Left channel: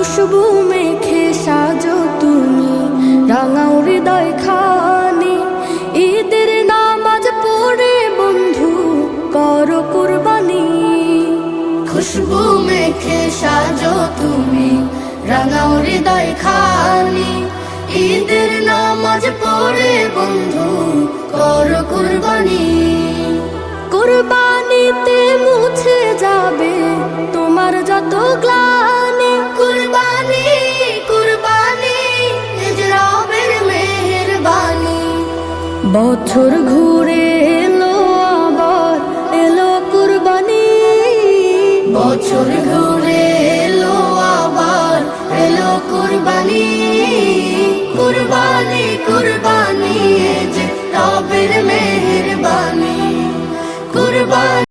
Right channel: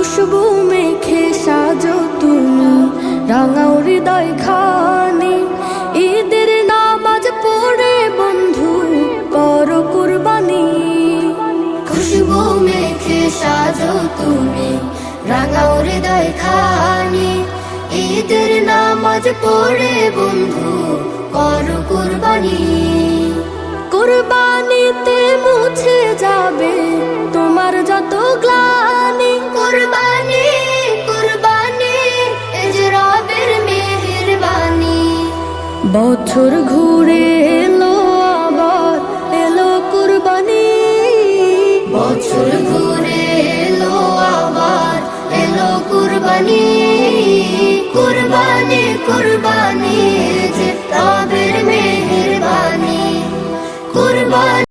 খুশবু মেখে সাজো তুমি রাঙাও হৃদয় খানি। ঈদের নামাজ পড়ে বন্ধু করো কুরবানি। খুশবু মেখে সাজো তুমি রাঙাও হৃদয় খানি। ঈদের নামাজ পড়ে বন্ধু করো কুরবানি। কুরবানিতে মুছে যাবে তোমার যত গ্লানি। কুরবানি কুরবানি এ যে রবের মেহেরবানি। বছর ঘুরে এলো আবার এলো কুরবানি। বছর ঘুরে এলো আবার এলো কুরবানি। কুরবানি কুরবানি এ যে রবের মেহেরবানি। কুরবানি।